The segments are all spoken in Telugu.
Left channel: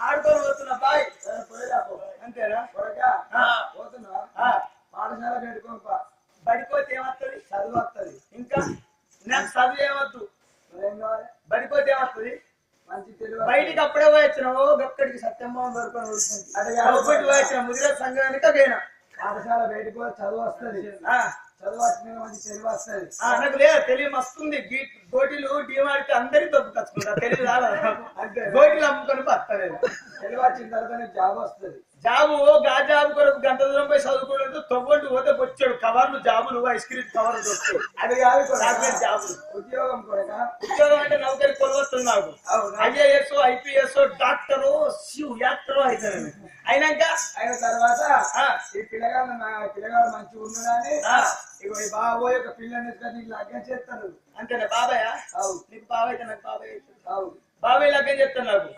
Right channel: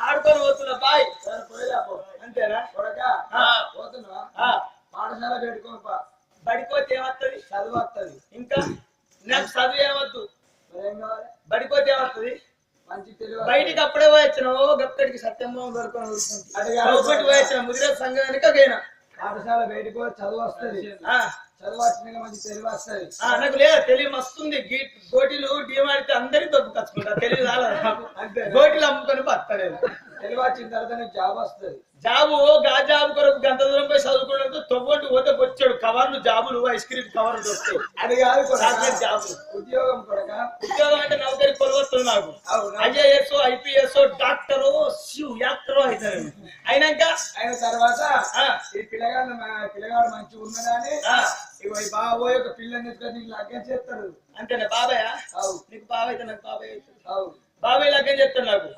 ఆడుకొని పోతున్నా బాయ్ అంతేనా పోతున్నా పాఠశాల పెట్టుకోపా బడిపోతే ఏమవుతుంది చదువు వస్తుంది ఇంకా నాకు చదువు ఏమద్దు బడిపోతే ఏమవుతుంది మంచి తెలివి బయటికి అప్పుడే పోయొచ్చినావు గప్పటికి సత్యంభావం దొరుకుని ఊరుకుంది పోయొచ్చిన ముదిరే సంఘం వెనుకైనా పాఠశాల బయటకు చదువు వస్తుంది చదువు వచ్చినాక మంచి తెలివి వస్తుంది నాకు లేదు తెలివి వస్తుంది గోటీలు డీమాడితే అందరికి దొబ్బు కచ్చుకుంటా తెలివి రాలేదు గోటీలు అమ్ముకొని బతలేదు తెలివి వచ్చిన తర్వాత నీకు జాబ్ వస్తుంది జాబు జాబు కొరకు గంట దూరం పోయి చదువుకోవడంతో తొవ్వంటి పోతే వచ్చాడు కవర్లు జాబులు ఐస్ క్రీమ్ కవర్లు దొరుకుతాయి అది కాదు జాబులు ఉద్యోగం కొడక ఉద్యోగం అంటే నౌకరి కొలవస్తుంది నాకు ఐఏఎస్ ఐపీఎస్ డాక్టరు యాక్టరు అవుతారు అయినాక అయిన తర్వాత ఈ పిల్లగాడు మంచిగా ఉన్నాడని ఇగో ఈ బాబోయ్ ఒక పిల్లని నీకు లగ్గం చేస్తారు అంతేనా బాబాయ్ నీకు బాబాయ్ అయితే నాకు బాబాయ్ అవుతుంది బాబాయ్ లగ్గం చేస్తాను నాకు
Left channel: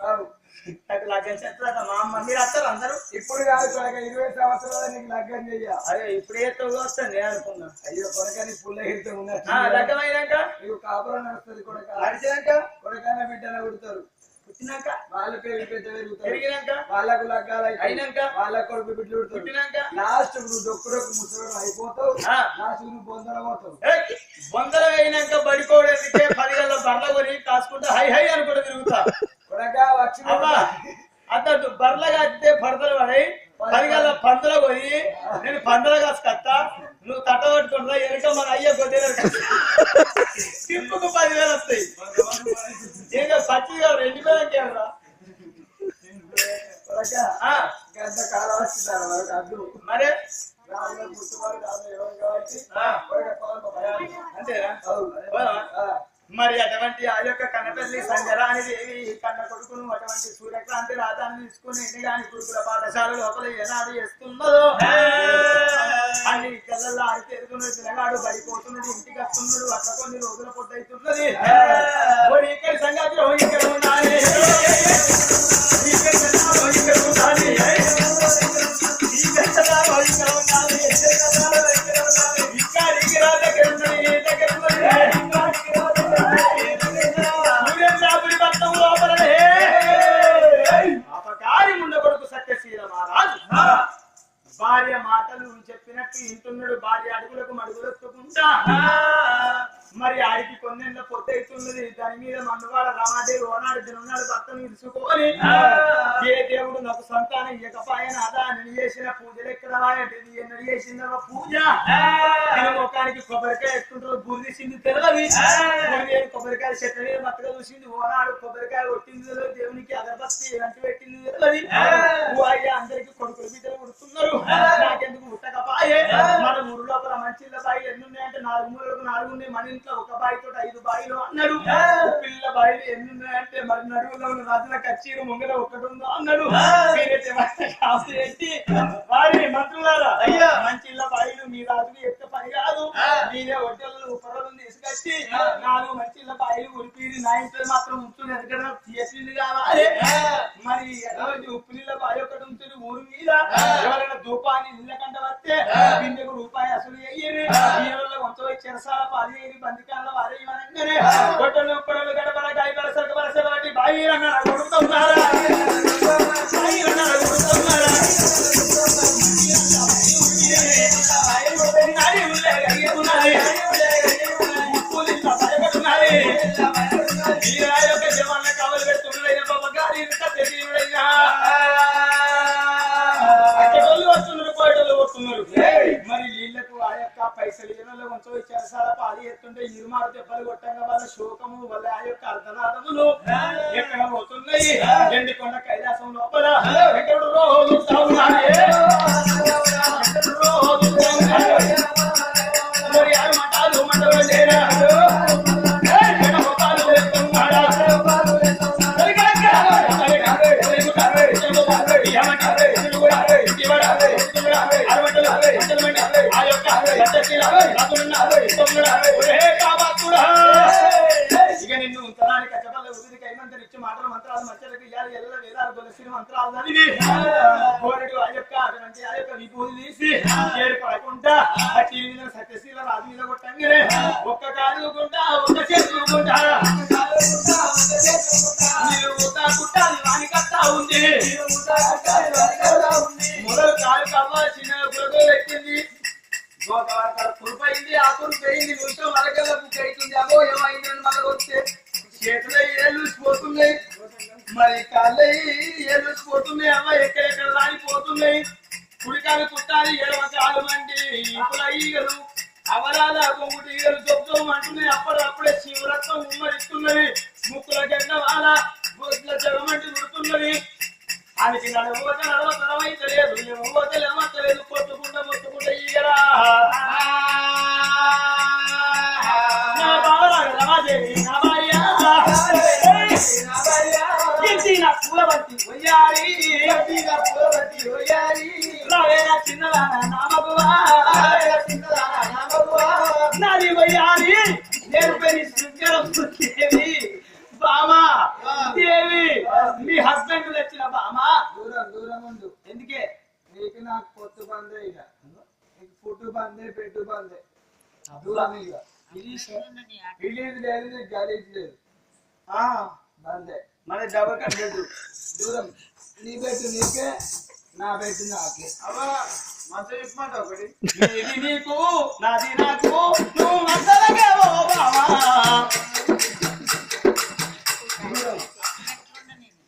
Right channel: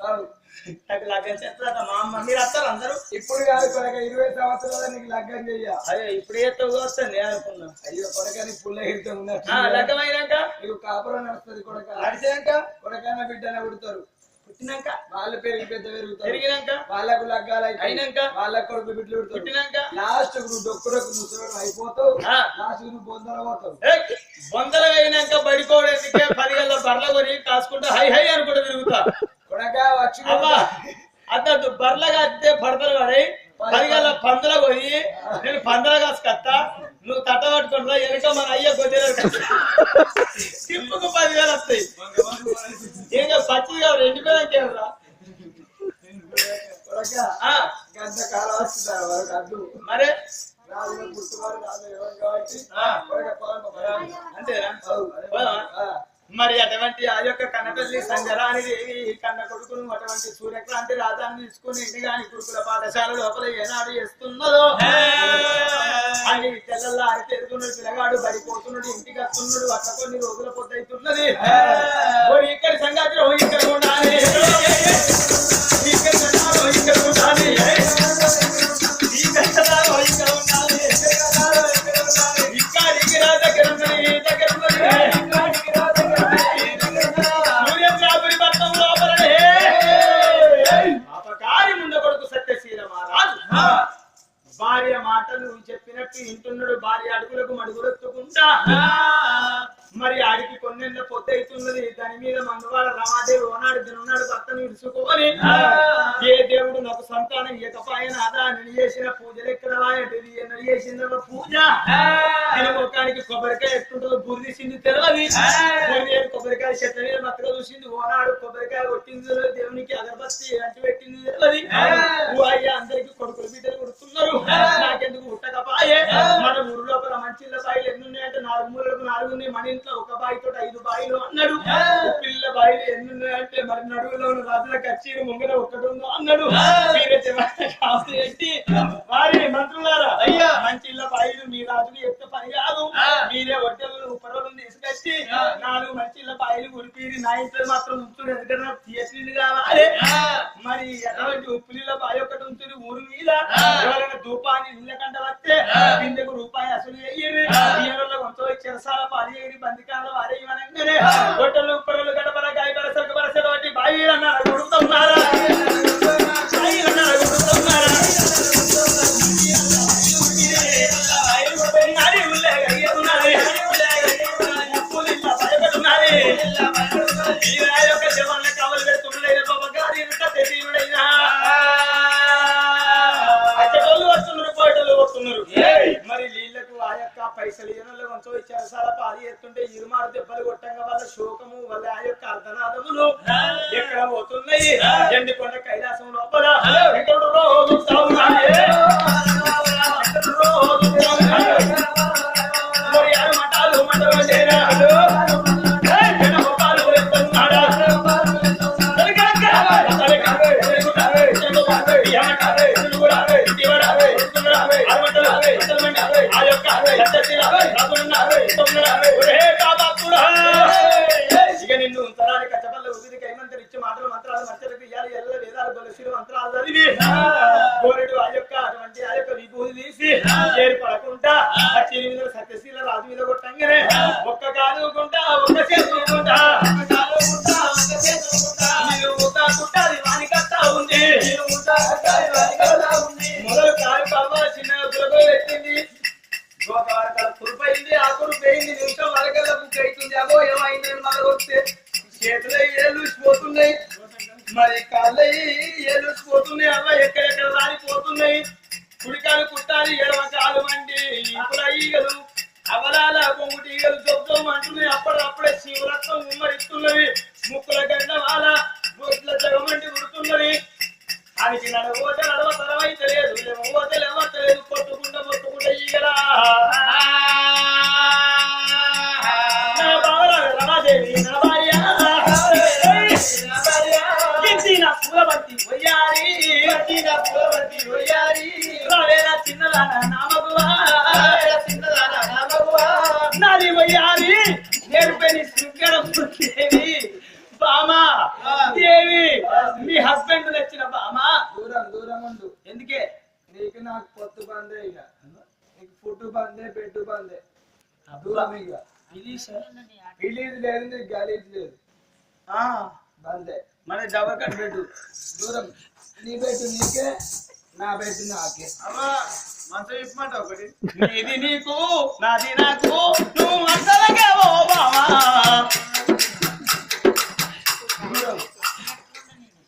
నాకు లగ్గం చేస్తా మా అమ్మ మీరు వస్తారు అందరూ ఇప్పుడు కాదు కొడక 20 సంవత్సరాలు నీకు లగ్గం చెయ్య అదే ఇప్పుడు ఏతో వస్తాను నేను అనుకున్నా అయ్యో కొడక నీ పుల్ల ఎగిరితే ఉన్నా లగ్గం అయినాక నీకు కాపురం నడుస్తుంది కొడక నడిచినాక కొడకైనా బిడ్డనే పుడతారు పుట్టినాక వాళ్ళ పేరు పెద్ద పెరుగుతారు పెరిగినాక వాళ్ళకు లగ్గాలు అయినాక వాళ్ళ కొడుకు బిడ్డలు పుడతారు పుట్టినాక లాస్ట్ నువ్వు డొక్కుడొక్కు ముసలు అయిపోతావు లాస్ట్ నువ్వు బొందర పోతావు బొందర అయినాక బడికోవడానికి 10 గంటల బర్ల కొని కాసుకుంటా హై హై అనుకుంటూ తిరుగుతా కొడగా వచ్చి అతడు బర్లగా అయితే పడతలు పడి 10 గంటల పందుల పోయి నేను పందుల కాసుకొస్తా నువ్వు తట్ట పట్టుకుంటా వెనక మన అయ్యే గొడ్డెలు తిప్పుకు 10,000 వస్తాయి ఏదో పచ్చిగా 2,000 రా గంట కాలం వస్తుంటారు వరకు అడ్డు మరే రాజు గుర్తుబాటు రాజు ఎవరు కాబట్టి అంతేనా మరి అటువంటి ఆ యొక్క కన్నపల్లి సంజరాని దేవి కన్న కొడుకును అటువంటి సూర్యక్రాంతి రాజాన్ని తీసుకుని ఇంటిగాని గురుకుల పాఠశాల లోపల ఏనాడు చేస్తున్నదో అన్ని తెల్లల్లో ఆడితేరుతున్నాడు పిల్లగాడు బడిపోతున్నాడు ఇంటికి వస్తున్నాడు అట్లా కొన్ని రోజుల పొద్దవుతున్నది ఇక్కడి సంగతి ఇక్కడ ఉండాలి ఇక్కడ ఉండాలి భార్య మాటలు చెప్పినట్టు ఇంటున్నాడు భార్య అడుగులకు మడుగులెత్తుకుంటా మరి ఆడికి కొన్నెంత పొద్దు అవుతున్నది దాని మీద మన్నవాడ రామాదేవి ఓనాడు దినున్నాడు భర్తను విడుచుకొని ఏ దేవుడు నాకు సంతానం ఇయ్యకపాయన అదా నేను చేసిన పూజలు ఎక్కడవాయటిది ఎన్నడు చేసిన పూజ ముఖానికి కొబ్బరికాయ ఎట్టుంటుందో గురి సింది తెలవది కొబ్బరికాయ చెట్ల మీద మత్తగా చూసింది ఓనాడు కొబ్బరికాయ కొట్టింది దేవునికి అగరబత్తి అంటు పెట్టింది తెలవది అయ్యా అందరికి కొడుకులు బిడ్డలు కొడుతున్నారు నాకెందుకు ఉట్టకపాయే మన ఊరు లోపల మంచిళ్ళ బాయిలు ఎన్ని ఉన్నాయంటే 4 మూలకు 4 ఉన్నాయి మన ఇంట్లో ఒక బాయితో 5 బాయిలు అన్నాడు పిల్ల బాయిలు ఎన్ని ఉన్నాయంటే మరి నడువులో రాజుల కచ్చీరు ముంగల ఒక్కటి ఉందో అన్నాడు వారి మంత్రులారా అయ్యా మంచిళ్ళ బాయిలు మీ రాజులు ఎక్క పని కాదు మీరే ఒడ్డలు ఉపరలు తీసుకొచ్చి 4 మంచిళ్ళ బాయిలు ఉరిపీరి నా ఇంట్లో మాత్రం ఉప్పు ఎందుకంటే తీయలు కావాలి మరి ఎటువంటి ఉప్పులీల బాయి ఒకటి ఉంటుంది ఊరు మీద ఎవరైనా ధూపాన్ని ఇళ్ళ కంట వస్తే కిందకు రూపాయి అసలు అయ్యేది ఈయనలో కొంచెం చెరసాల పాలి బందికాల వారే ఇవనంగానే గొడ్డలు ఉప్పరలు గడపల గాయపల సరుకు బట్టి బాయి అన్నారు కొడుతున్నారా ఉప్పు చెరసాల పాలు ఎత్తుంటే ఇరుమారు దెబ్బలు కొట్టంగా వాళ్ళ శోకము వాళ్ళ ఆ యొక్క అర్ధనాదములు ఎక్కడ పోతున్నాయి ఎండికొండ కైలాసం లోపల ఎక్కడు రోజు మటాలు మంటలు ఇక నిన్ను ఉంచడానికి కచ్చపల్ల ఉదిరి కైమంతరి ఇచ్చి మాటలు మంత్రాలు మచ్చలకు ఇయ్యాలి ఎల్ల వేదాలు బలసిన మంత్రాలు చదివి కోరెడు ఆ యొక్క అటువంటి ఆ యొక్క విభూతి తీసి ఏర్పడకుండా ఆ చీని మీద సత్యశీల రాజు మీద కొట్టంగానే ఒక్క కాదుకుంటా ఒక్క చేసుకుంటా కుట్టాలి వాని కట్టా ఉంది మొదలు కాలు కవ్వ చిన్న గురగో పెట్టింది తురుపైంది ఆ తురుపైంది నిమిషం వరకల్లా బుక్ అవుతుంది అగో ఏమైందని మళ్ళీ వస్తే చేతులు ఏళ్ళుసిపోతున్నాయి మరి కాళ్ళు ఏళ్ళుసిపోతున్నాయి అవ్వ ఎక్కడెక్కడ రాలిపోతున్నాయి కుడికాలు కుట్టాలి ఎడమ కాలు మండి ఇప్పుడు ఈగలు అవలాల కొంగుటి ఈగలు చొప్పుచోము అంటున్నాయి అప్పుడప్పుడే శివరత్నం ఉమ్మరిస్తున్నవి ముక్కుల గంట వాళ్ళ గోట్ల జగమంటి ఉడుతున్నది ఆయనకి నడవతే నడవ తరమైతే లేదు లేవతే లేవతలేదు పొట్టుకుంటా మొత్తుకుంటా ఈగరా పూలబంతి వయ్యారి చిన్నదాన నామగువా నాది వయ్యారి నేను పేరు శృంగరదేవి బామా దేవి మీ హస్బెండ్ తెచ్చిన బామా దూరం దూరం ఉండు. ఎందుకే నీకు నాకు పొత్తు బందే, ఇక నీకు ఫుట్టు బందే పెట్టు బందే దూరం. ఇక రిలీజ్ లేదు, నీకు గలీజ్ లేదు, బందే మన డబల్ కట్టెడు దూరం. నీ పెట్టు నీకే, నా పెట్టు నాకే. అవ్వా మంచి ఇప్పమంట ఒకటి నీది నీకు నాది నాకు నువ్వు మంచలకే ఓ బావా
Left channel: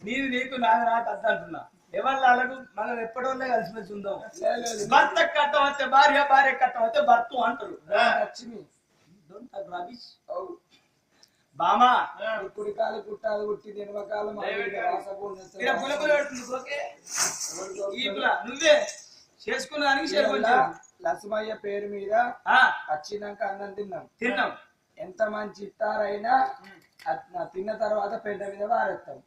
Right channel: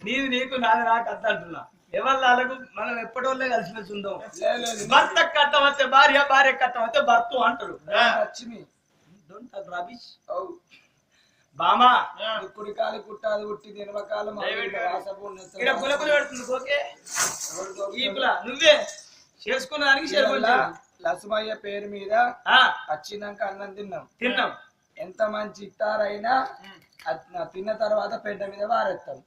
నీది నీకు నాది నాకు అద్ద అంటున్నా. ఎవరు మనం ఎప్పటివల్లే కలిసిమెలిసి ఉందాం. భర్త కట్టం వస్తే భార్య, భార్య కట్టం వస్తే భర్త అంటారు. లక్ష్మి బామా కుడి కాలు కుట్టాది కుట్టి నిలవకాలం నువ్వే చేసుకున్న దానికి లక్ష్మయ్య పేరు మీద వచ్చినాక అన్నం తిన్నాం. ఎంత మంచి ఇట్టారైనా తిన్న తర్వాత పెద్ద మీద వారెత్తాం.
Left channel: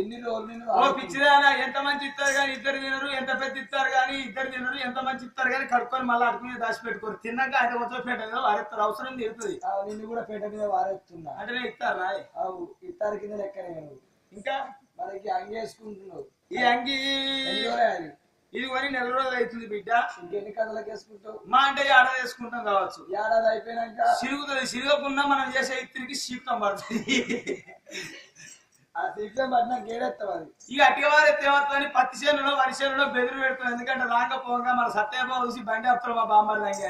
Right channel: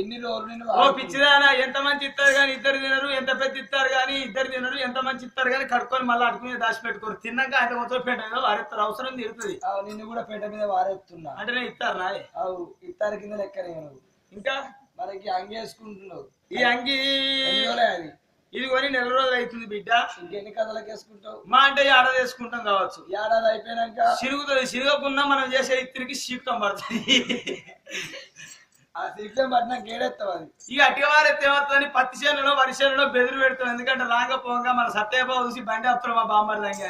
ఇన్ని రోజులు పిచ్చిదానా ఎంత మంచి ఇస్తారు కానీ ఇద్దరు తినరు, ఎంత పెద్ద ఇస్తారు కానీ ఇద్దరు తినరు, ఎంత మంచి ఇస్తారు కానీ కడుక్కొని మళ్ళీ అడుకుని దాచి పెట్టుకోరు. తిన్నాక అయితే మొత్తం పెద్ద మీద వారెత్తారు. అవసరం తీరుతుంది. నిన్ను కూడా పెద్ద మీద వారెత్తున్నా అంటే నేను ఇస్తారు రాయ్ ఇత్తారు కింద లెక్కనే. నువ్వు ఇంకా మనకి అంగి వేసుకుంటున్నావు. ఈ అంగి అది ఇది కొని 4 రోజులు అవుతుంది బిడ్డ. ఇంకెన్ని కథలకు వేసుకుంటావు? మా అంటే ఏడాది వేసుకుంటాం కావచ్చు. ఏడాది అయిపోయినాక సిరుగుతుంది. సిరగకుండా మనం చేసే ఇత్తిరికి సీక్తం పడుతుంది. ఆ సీక్తం పట్టినా గేడెత్తావు. అది ఇక అటివారైతే ఏమవుతుందని పత్తి చేనులో వరి చేనులో బెదిరి పెడుతుంది. ఎందుకంటే రాంగ పోగా మన సత్యబాబు చూసి బండి వస్తారు మా బామ్మర్ లాంటి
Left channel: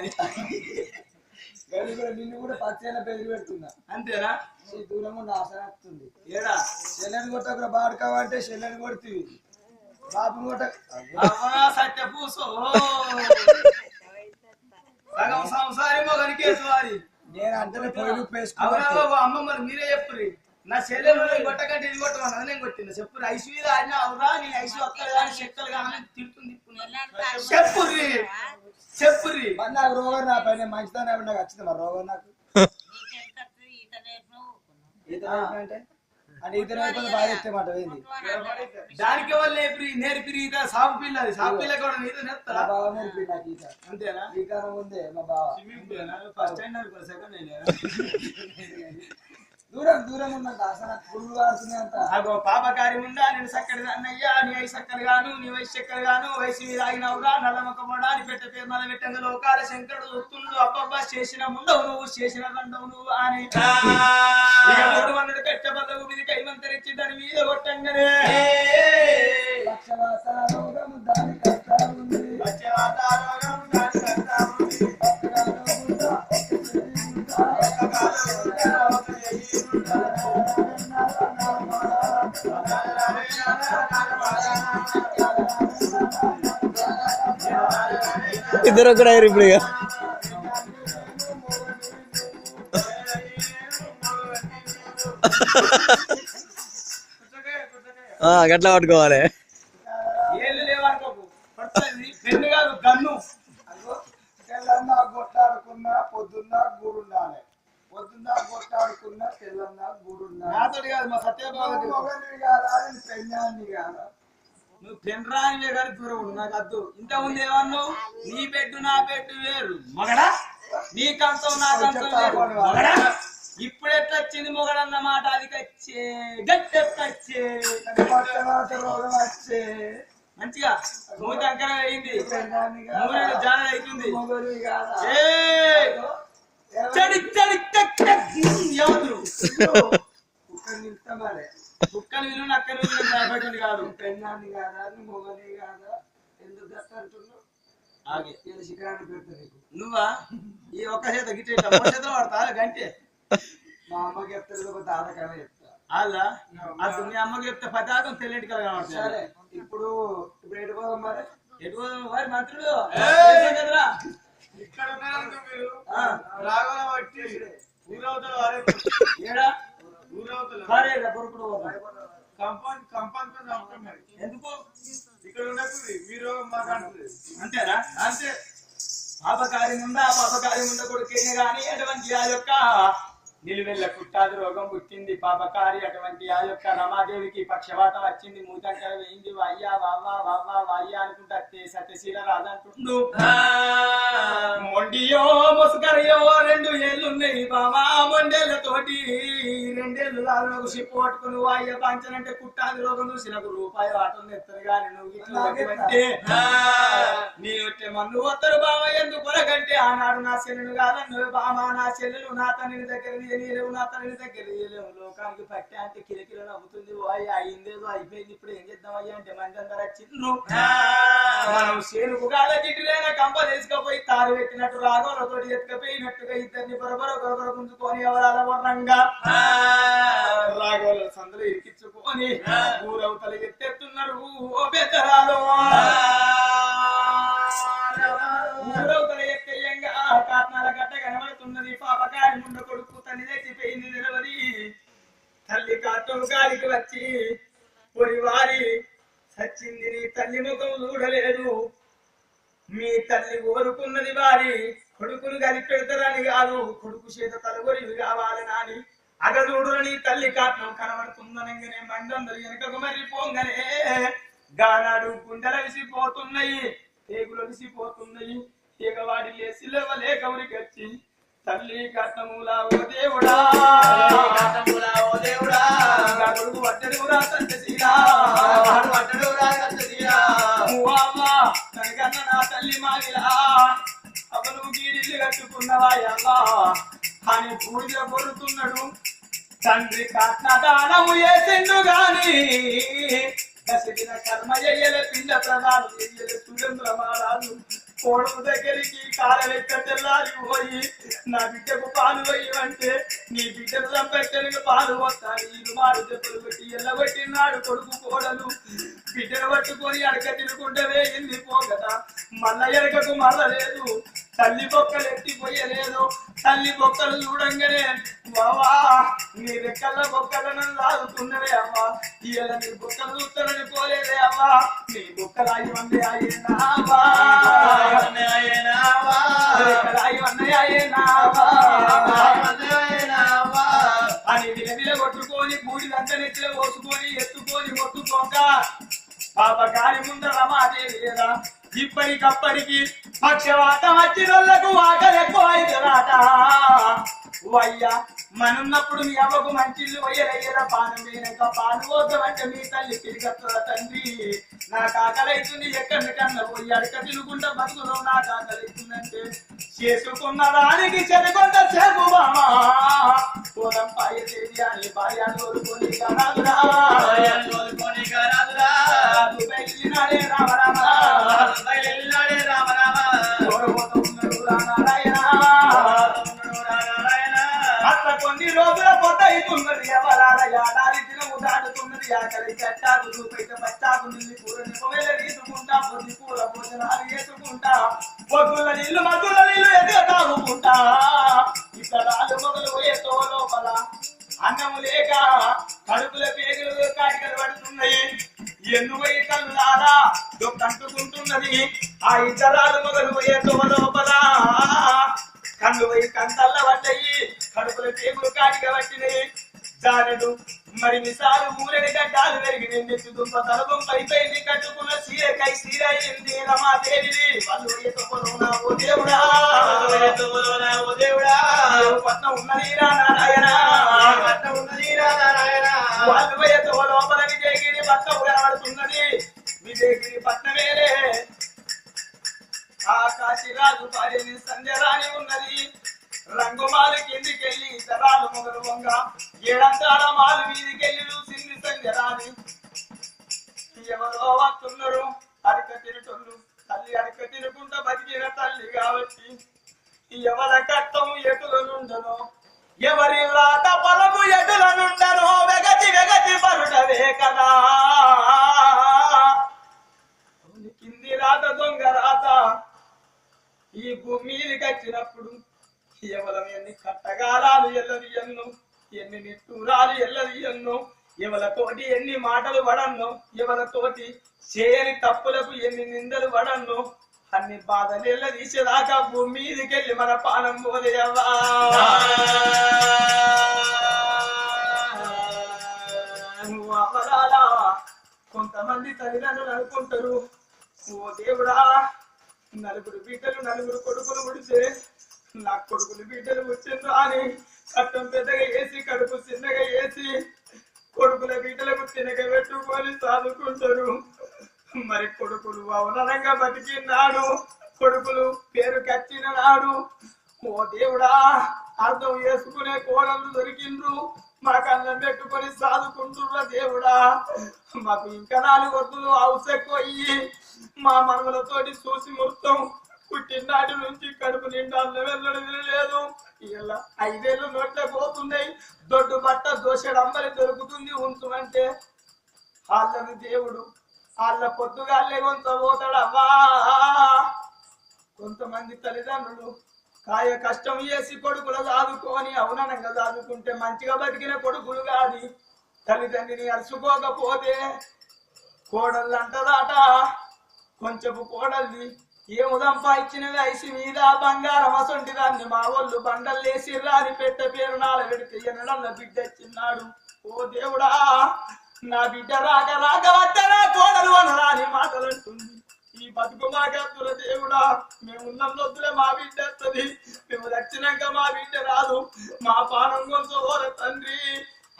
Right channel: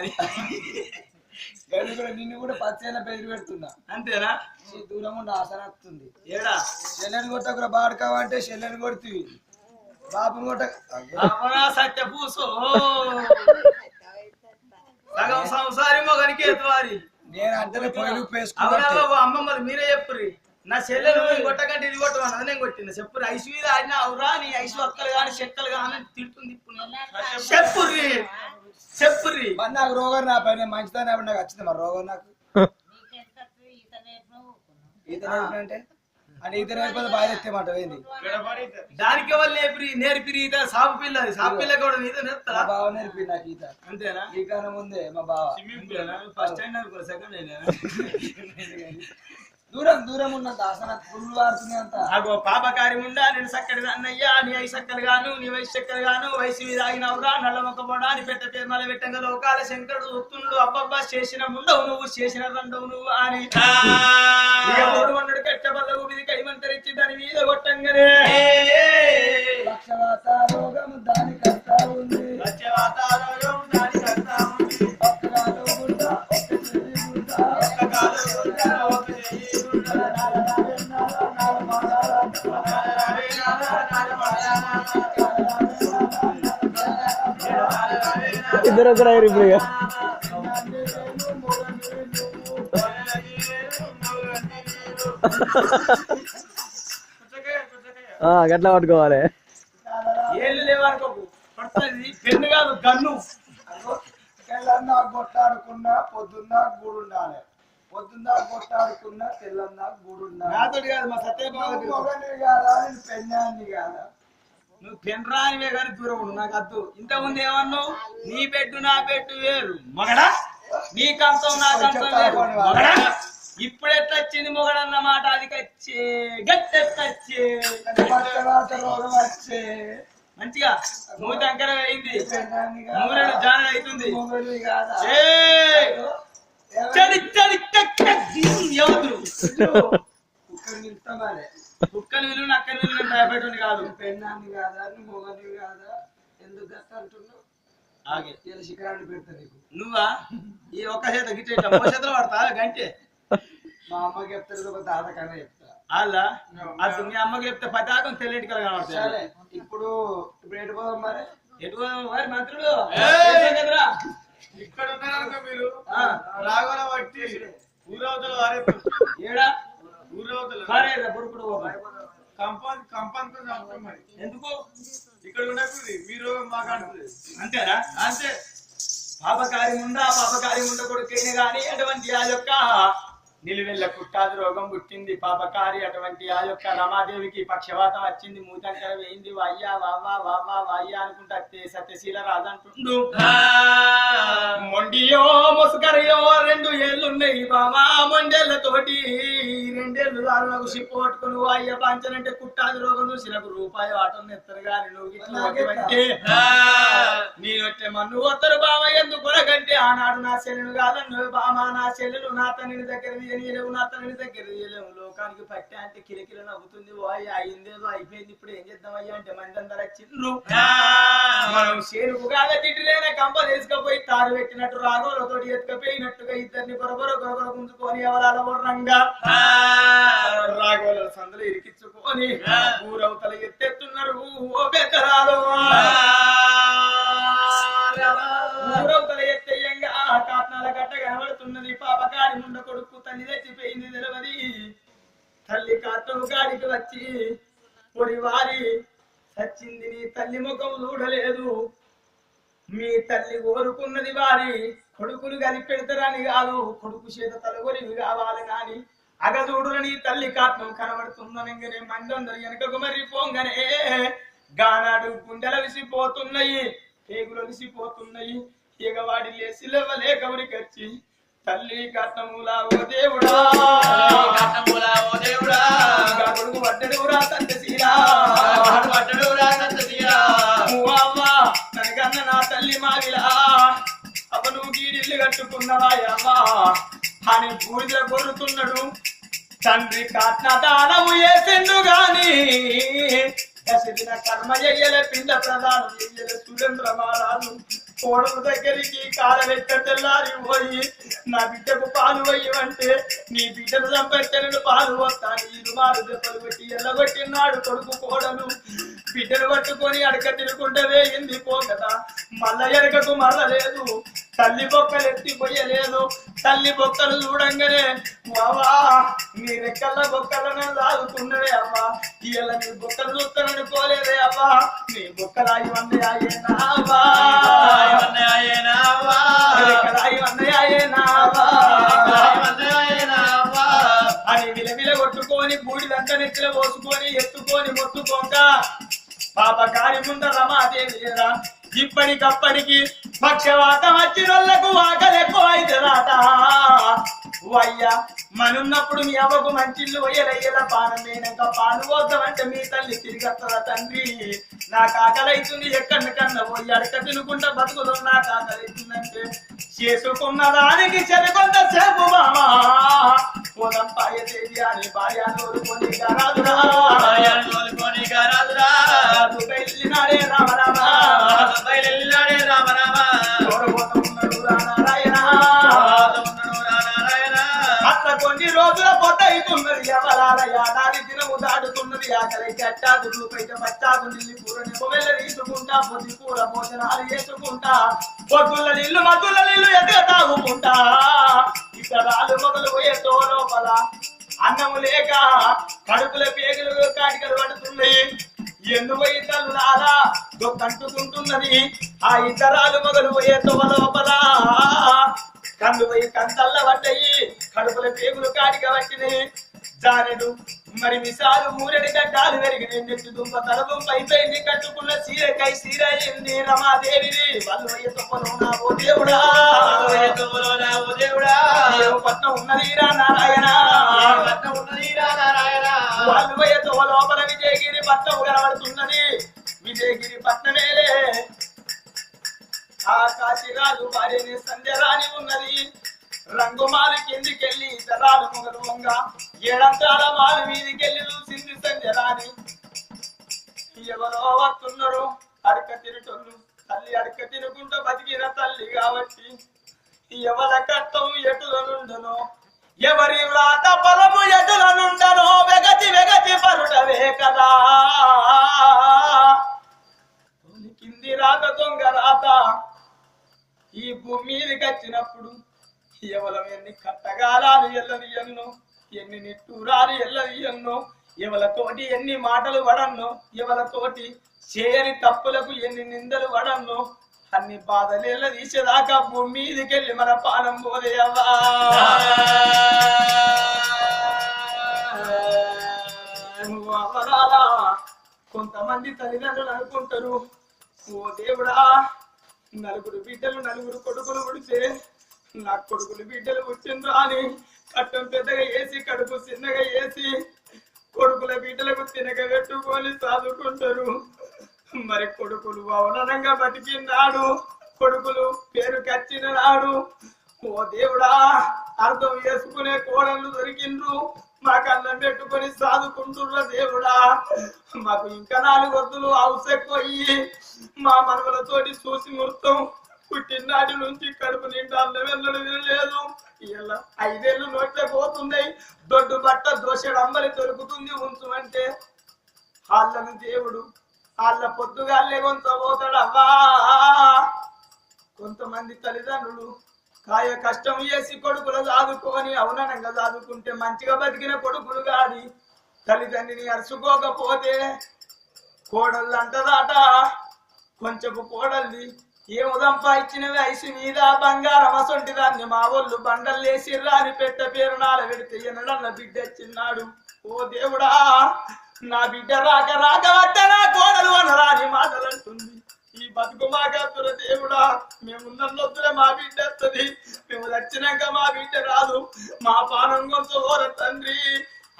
నిన్ను కూడా పచ్చైనా బెదిరి పెడుతున్నా. అంతేనా? దూరం ఉండి ఆసన వస్తుంది. ఏడా చెల్లెని కొట్టకురా బాడుకావంటే చెల్లెని కొడుతుంది. బాబుని కొట్ట సత్య పూసో సగం సంసారి మొగనికి ఎత్తువాలి. నేను అంటే పొయ్యిలు బాబు అమ్మమ్మది మీరే చెప్పుర్రి. నా చెల్లెలు కొట్టకంటే ఇది కొట్టమన్నది నేను కొట్టింది. చెప్పుర్రి ఐసు మీద ఆడినా అవురా నీ ఐసు అక్కలు కానీ చెక్కలు కానీ తిడుతుంది. చెప్పుర్రి చెప్పుర్రి. మరి నాకు రోగం నా పైన మంచిదాన్ని నాకు వచ్చింది. మరి రోగం నాకు ఈత అంటే అంటే ఈత నేర్పది బాగా ఎత్తే మాట ఏంది? దానికి వాళ్ళు నేర్పిరి ఈత. సాగు పిల్ల అది సాగు పిల్ల కూడా ఈత నేర్పుతా. బావ నేర్పి నాకు ఈత. అంతేనా? ఈ కాలం ముందే మా బావ ఫస్ట్ టైం అనుకో సెకండ్ దూరం దూరం ఉన్న దాసన పుల్లు వాడుతుంది అంత. అగో పాపకారి ఉండా నేను చక్కడి అన్నయ్యా నీ ఐదు చక్కలు గాను నీ వయసు చక్కలు గాను వయసు మీద ఆగినవురా నల్లమొక్క పోడా అని పెట్ట తీర్మాల పెట్టంగా లోకాల శంకరుడు వస్తుండు. అబ్బబ్బా చేసిన ముండవు నువ్వు చేసిన రెండవు నువ్వు అని మన్నుడు కట్టబల్ల ఊపిది కైమంతరిచ్చి దాని మీద కొట్టంగానే పక్షవాత రోగము దాని కష్టా ఉంది. పక్షవాత రోగం దాని కష్టా ఉంది. ఇద్దరు కూడా ఇప్పుడు గట్లా పట్టుకోవాలి. ఏళ్ళు లేవనుకోకు పడుతుంది. పెన్ను కాదు గన్ను. తెల్లన్నా కొట్టాడుకున్నా పొద్దున్నా గూడు ఉండాలి. పొద్దున్నా కొట్టాడుకున్నా తెల్లన్నా గూడు ఉండాలి. నాతోటి కాదు మా సత్యబాబు. మొగని కాదా నేను పెన్నాన్ని కాదా? నువ్వు పెన్రానివే కానీ దూరం ఉండు, నాకు అద్దు. ఇంతకుముందు ఏమన్నావు? నీ బెడ్డు నా బెడ్డు వేరు మొగడా, నీ కంచం నా కంచం వేరు మొగడా. ఇప్పుడు ఎట్లా వచ్చింది మొగడన్న మాట? అది కచ్చే గట్టి వచ్చే రోగం వచ్చే మంచిగా మూడు దగ్గర అయింది. పెన్నాన్ని కాదా? మూడు జాన అవుతుంది. మొగని కాదా? ఎవరు కుక్కని నిలుస్తామాలే. కుక్కలు విలు నక్కలు విలు భయపడింది కాదు. పెన్నాన్ని కాదా? మొగని కాదా? ఎందుకు గట్ట అంటున్నావు? ఆగే ఇలా శిఖరాన్ని పెడతా నీకు. నువ్వా ఈ ఒక్క చేత గిట్ట చేతులు పడతా గంటే. మా అమ్మకి చెప్తారు ఒక తాత కన్నా చెప్తా. అలా అది మీ అమ్మకి చెప్తే పతాకం తెల్లటి కల కనబడుతుంది. సరే ఇప్పుడు ఎటు పోదాం మరి? ఎటు వారి మంత్రుడు కదరా ఇక్కడ ఉన్నారనుకో మీరు రాగోల బట్టి ఊరవతల వారే ఏడా ఊరవతల కారేరా బొరుకుడు కంపాన్ మరి ఎందుకు ఇక్కడ ఉండకూడదు. మీ రోగం మాకు అంటుంది. అంతేనా? అంతే. పాపకారి ముండ కొడుకేనే గాని అటువంటి ఆ యొక్క నిలువెల్ల పుట్టాది రోగం పుట్టింది. పాపకారి అటువంటి ఆ యొక్క రమాదేవికి పక్షవాతం వచ్చింది. మూతంకర వేయింది. వాయ్యా వావా వావా వాయ్యా అనుకుంటా సత్యశీల రాజంటుండు. మొండియో మొసకరియో 2 ఏళ్ళున్నాయి బామా. మొండేళ్లతోటి 2 ఏళ్ళు దారుణకు సిప్పు పట్టుకుని వాయ్య పంచనంటే కుట్టాది రోగం చూసి నాకు రూపాయి ఆటం ఎత్తారు గాని నువ్వు ఇట్లంటే నేనొట్టే మన్ను వస్తారు బామ. ఎందుకు కొరకంటే ఆనాడు నా చెల్లెను కాదన్ను బామ. నా చెల్లెలు నా తండ్రి దగ్గర లేవు, నా తండ్రి దగ్గర లేవు. లోకానికి పట్టే అంటే కిలకిల నవ్వుతుంది. వాయి అయిందేదో అయిపోయింది. ఇప్పుడు ఏం చేద్దామయ్యా అంటే మందందర వచ్చిండ్రు. మనం చేనుకు కాద గిట్టిలేన కంప తీసుకపోయి తారు పెట్టినట్టు రాగోలతో ఎత్తుకపోయినట్టుగా ఇద్దరిని బొరబొర గుంజుకొని ఎవరాల వర్రంగా రాగోల సందులు ఇరికించుకొని ఊరవతల ఎత్తెత్తున్నారు. ఓ పెద్దరాలు ఊరవతల ఎత్తేయంగా కాట్నాల గట్ట కనబడుతున్నది. పాపకారి ముండ కొడుకు తల్లి తెచ్చిపోయింది నిలవది. తల్లి కాటం గారికి వచ్చి పొడి వారి సచ్చింది. నీ తల్లి ముఖం చూడలేదు. మీ తల్లి కోరుకున్నది వారి కొడుకులు కలిపెడతారని కాదు, కొడుకు చేత తలగొరివి కావాలి నాని అగదూడు. నీ తల్లి కాటం కనబడుతుందనగానే మందందరు వెనకకు మరి పోంగనే గానాడు గుండెల విసిపోతున్నాయి, కేగులు విసిపోతున్నాయి. ఎగవాడి లేసి లేవలే గౌరికి వచ్చి తల్లి కట్టములా ఓ దేవుడా, కొడుకు వడ్డడురా సంతసీరా ననకన్న నా తల్లి మావిలా అవ నువ్వు గీడిల్లు కట్టుకున్నవా అవ్వా అని పూజ కొరుతున్నాడు. తండ్రి కాట్న దానము చేసిండు గాని కసిదిన కర్మ చెయ్యలే. పిండ ప్రధానం చెయ్యలే. సురేంద్ర మహారాజు కోడలు దగ్గరికి కాలలెక్క తెల్లారి పోయి నా బిడ్డకు పాలు వేయమంటే నీ బిడ్డను చంపెట్టెను పాలు వస్తాను. ఇరు మారు దెబ్బలు పెట్టి ఎల్లగొట్టినాడు కొడుకు కోడలు. బిడ్డను పట్టుకొని అడక తిరుగుంటే వేయింది పోగదా. మళ్ళా ఎరకకు మళ్ళలేదు. తల్లి బొక్కలు ఎత్తిపోయలేదు. తల్లి బొక్కలు చూడంగానే వావా నీ రెక్కల బొక్కలను లాగుతున్నవే అవ్వా. ఇలా నీ బొక్కలు చూస్తానని పోలేదే అవ్వా. నీ బొక్కలాగి వందే అయ్యేనావా అని విలవిల కొట్టుకొని బూడిదంతా నెత్తిలో పోసుకొని ఎత్తుకొని మొత్తుకోక పాపకారి ముంద రమాదేవి లేదా. ఇప్పటికప్పటికి పక్షవాతం వచ్చినోళ్లకు ఆకలి ఎక్కువ అయితే రాట. అయ్యా మనున్నప్పుడు మీ అవ్వకు మంచిళ్ళు వయ్యలయ్యేల పానం వేయక పాలు పోద్దామంటే మీ తల్లి తిరిగత్తదా తండ్రి. నాకు ఆకలైతుంది ఎక్కడికన్నా పోయి అడక తినుకుంటా బతుకుదాం. నాకు ఆకలైతుందంటే చేసుకున్న దానికి చెరికొంత సేపు బామా పోదాం పాయదేవి అని భార్య తోలుకొని రాదురా వెళ్ళినాడే రామరామా కొన్ని రోజుల పొద్దు అవుతున్నది. ఎవరాల యాదాది దినము దాటుతున్నది. ఆకలి చట్టాకు చూపైతే పచ్చాకు నిల్లి కూర నిపవెళ్ళ తీసుకుంటా. పొద్దు కూర భోజనాలు వేసుకుంటా. పొద్దుల నీళ్లు ఎదుగ తాగుకుంటా. ఇతరాలు మొదలు పోయే తో లోపల అన్నము లేక కడుపుల పేగులు కాటికలు పడుతున్నాయి. ఎందు పోయి కళ్ళులారా కంటుకుంటున్నది. ఆ ఇతరాలు మొదలు పోయే తొవ లోపల కళ్ళు పోయి కంటల్ల పడ్డాయి. కడుపుల పేగులు కాటిక పట్టినాయి. జానెడు మరి మిసాలు మూరెడి గడ్డాలు పెరిగి నెత్తి దుంప తలదుంప అయిపోయింది. కట్టుకున్న సీరకై సీర అయింది రమాదేవిది. వాళ్ళు పోయే తొప్పలో నా ఓ దేవుడా, పట్నం ఉన్నది రా నారాయణ, వాళ్ళు పోయే తొవ లోపల విజయగిరి పట్నం కనబడుతున్నది. విజయగిరి పట్నమేలే ఆ కాశీరాజు భార్యని సంధ్యరాణి ఉన్నది. రంగుమాలు కిందికెళ్ళి ఇతరాలు మొగలు వంగ ఏడంతాల మాలు మీదికెళ్ళి చూసింది సంధ్యరాణి. ఎవరో వస్తున్నారు అడక తిరుటోళ్ళు. తల్లి అడక తినుకుంటూ బతికిన తల్లి కాబట్టి ఎవరి కట్టం ఎటులనుండనో, ఎవరి వ్రాత ఫలము ఎటులనుండనో వెగతి వెగతి పరుటవే కదా. కింది రాత దొంగ రాత ఈ భూమి మీదకి వచ్చినప్పుడు ఎవలం ఎన్ని కట్టగాలాలు ఎల్లది ఎన్నో, ఎన్ని నిట్టూరాలు ఎల్లది ఎన్నో, ఎవలతోటి ఎన్ని మాటలు పడన్నో, ఎవలతోటి చేయని తప్పులకు ఎన్ని నిందలు పడన్నో, అన్ని బాధలు ఎల్ల తీసేదాకా భూమి మీదకెళ్ళి మన పానం పోదేయవ్వా. కొంతమంది తల్లిదండ్రులు అనుకుంటారు, ఓ దేవుడా నలుగురు బిడ్డలు నలుగురు కొడుకులు పుడితే నా కొడుకులు బిడ్డలు వచ్చిండ్రా అని కట్టం పెద్దగా వేసి కడుపు చిన్నగా వేసి కొడుకుల బిడ్డలకు తినగ పెట్టుకొని చదువుకుంటారు. మరి కొడుకులు అవనంగా బతికినాడు, కొడుకులు పేరు కచ్చిన నాడు ఓ దేవుడా అర్థం చేసుకునే కోడళ్ళు దొరికిండ్రు. మాకు అన్నం పెట్టుకొని సాదుకుంటుర్ర దేవుడా. మాకు ఇంకా 4 వద్దులు అవసెక్కొయ్యి మా మనవలతోటి చూసి మొత్తం పుట్టినాటి నుంచి కడుపు నిండా అన్నం వెళ్ళడం లేదు. ఇలా 5 ఏళ్ళు నోట్లే పోతున్నాయి. దొడ్డు బట్ట దోషడు అమ్మలి దొరుకుతుంది ఉంచమంటే వాళ్ళను దేవుడు వాళ్ళ పొద్దుగాళ్ళే కొంత పోతాడవ్వా. కొంతమంది తల్లిదండ్రులు కాయ కష్టం చేసి కొడుకులు చదువుకొని అవునంగా చదువుకుంటే మంచిగా బతికిన కొడుకులు కాని తల్లిదండ్రిని అరుచుకోకపోతే కోడళ్ళు అంటదాట. కొంచెపు కోడల్ది ఏము సంపాదించినవి ఐసి మీద బంగారం అసొంటి దాన్ని మా వాళ్ళు బండలు వేసిర్రా అని పెట్ట పేరు నాల పెడితే ఎన్నడన్న బిడ్డ చిన్నాడు. ఓ దేవుడా నా బిడ్డ రాక రాక వద్ద నా కోడలు అనరాని మాటలు అంటుంది. ఈ బతుకు మాకేస్తున్న దేవుడా మేము ఉన్నొద్దులే మా బిడ్డ వస్తుంది, మేము వచ్చినాక మా బిడ్డ రాదు, మా పానం కొంత ఓర తండ్రి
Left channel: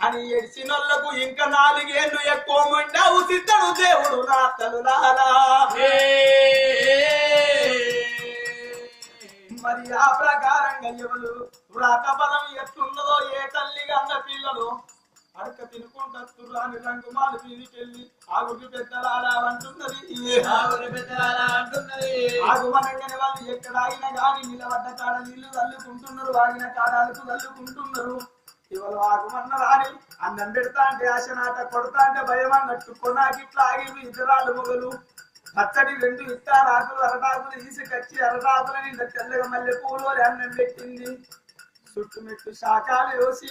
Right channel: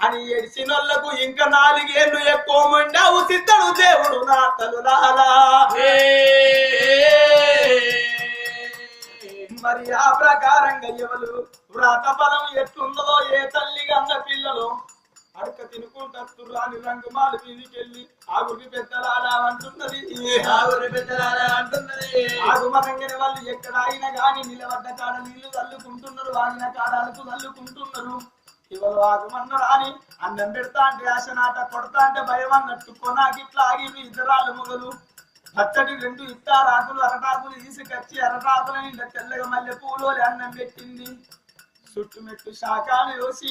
అని ఎడిచినోళ్లకు ఇంకా 4 ఏళ్ళు ఎక్కువ మండావు సిద్ధడు దేవుడు నా తలులాలా. మరి ఆ ప్రకారంగా ఎవరు వ్రత ఫలం ఎట్లున్నదో ఏ తల్లి అన్న పిల్లలు అడక తినుకుంటూ అని రంగుమాలు వీధికెళ్ళి ఆగురి పెద్దలాలా అంటున్నది. ఆగుమనంగానే వాళ్ళు ఎక్కడ ఆగినా గాని నిలబడ్డ కాడ నీళ్లు చల్లుకుంటున్నారు, ఆగిన కాడాలకు చల్లుకుంటున్నారు. ఇవాళ ఆగుమన్నారు అని అన్నం పెడతా అంటే ఆశనాట కొడతా అంటే భయం అన్నట్టు కొనాగిట్లా ఆగి ఇతరాలు మొగలు పచ్చడి 2 ఇత్తారాకులు అరటాకులు తీసుకొచ్చి అరటాకులని తెల్లగా మల్లె పూలు అన్నం పెట్టింది. చుట్టుమెట్టు శాఖాలు వేసి